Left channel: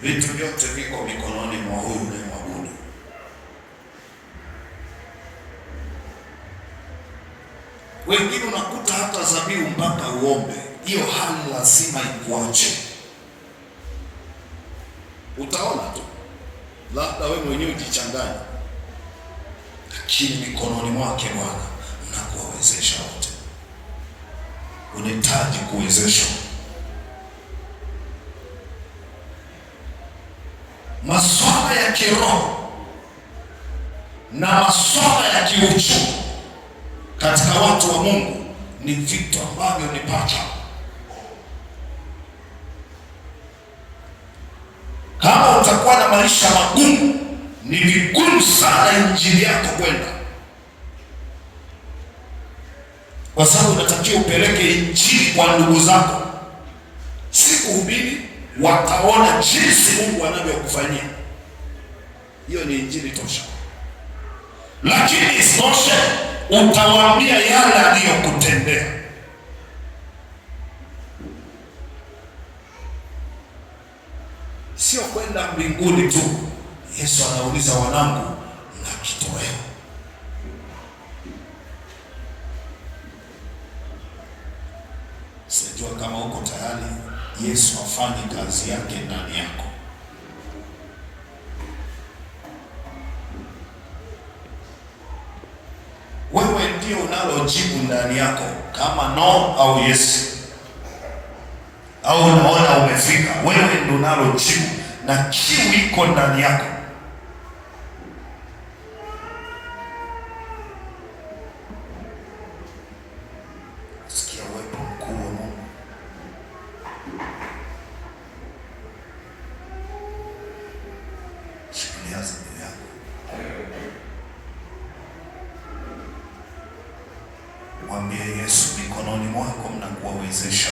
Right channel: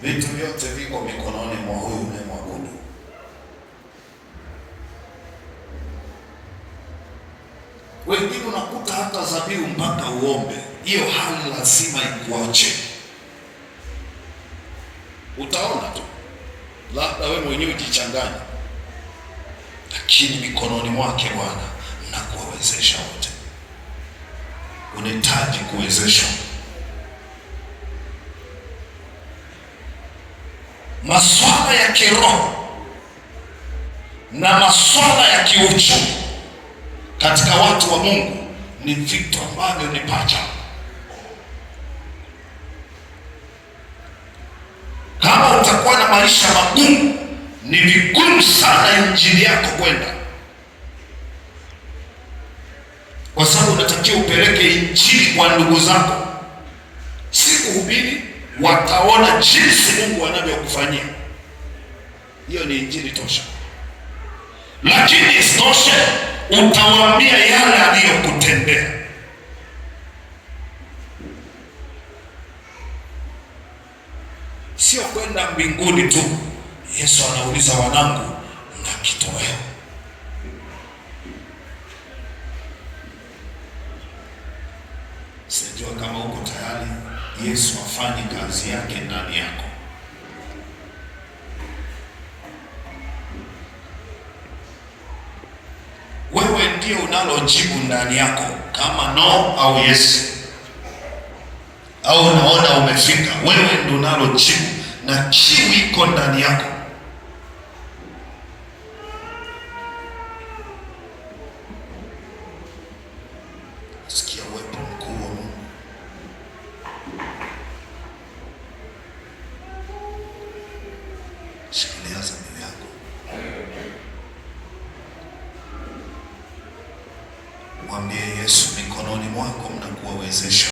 Vitu vyote viko mikononi mwa huyu unayemwabudu. Wengine unakuta hata dhabihu mpaka uombe, hiyo hali lazima ikuache. Utaona tu, labda wewe mwenyewe ujichanganya, lakini mikononi mwake Bwana na kuwawezesha wote. Unahitaji kuwezeshwa. Masuala ya kiroho na masuala ya kiuchumi katika watu wa Mungu ni vitu ambavyo ni pacha. Kama utakuwa na maisha magumu, ni vigumu sana injili yako kwenda, kwa sababu unatakiwa upeleke injili kwa ndugu zako, si kuhubiri. Wataona jinsi Mungu anavyokufanyia. Hiyo ni injili tosha. Lakini isitoshe, utawaambia yale aliyokutendea. Sio kwenda mbinguni tu. Yesu anauliza, wanangu, na kitoweo? Sijua kama uko tayari Yesu afanye kazi yake ndani yako. Wewe ndio unalojibu ndani yako, kama no au yes, au unaona umefika. Wewe ndio unalojibu, na kiu iko ndani yako. Sikia uwepo mkuu wa Mungu. Shikilia dhamiri yako, mwambie Yesu, mikononi mwako mnakuwawezesha.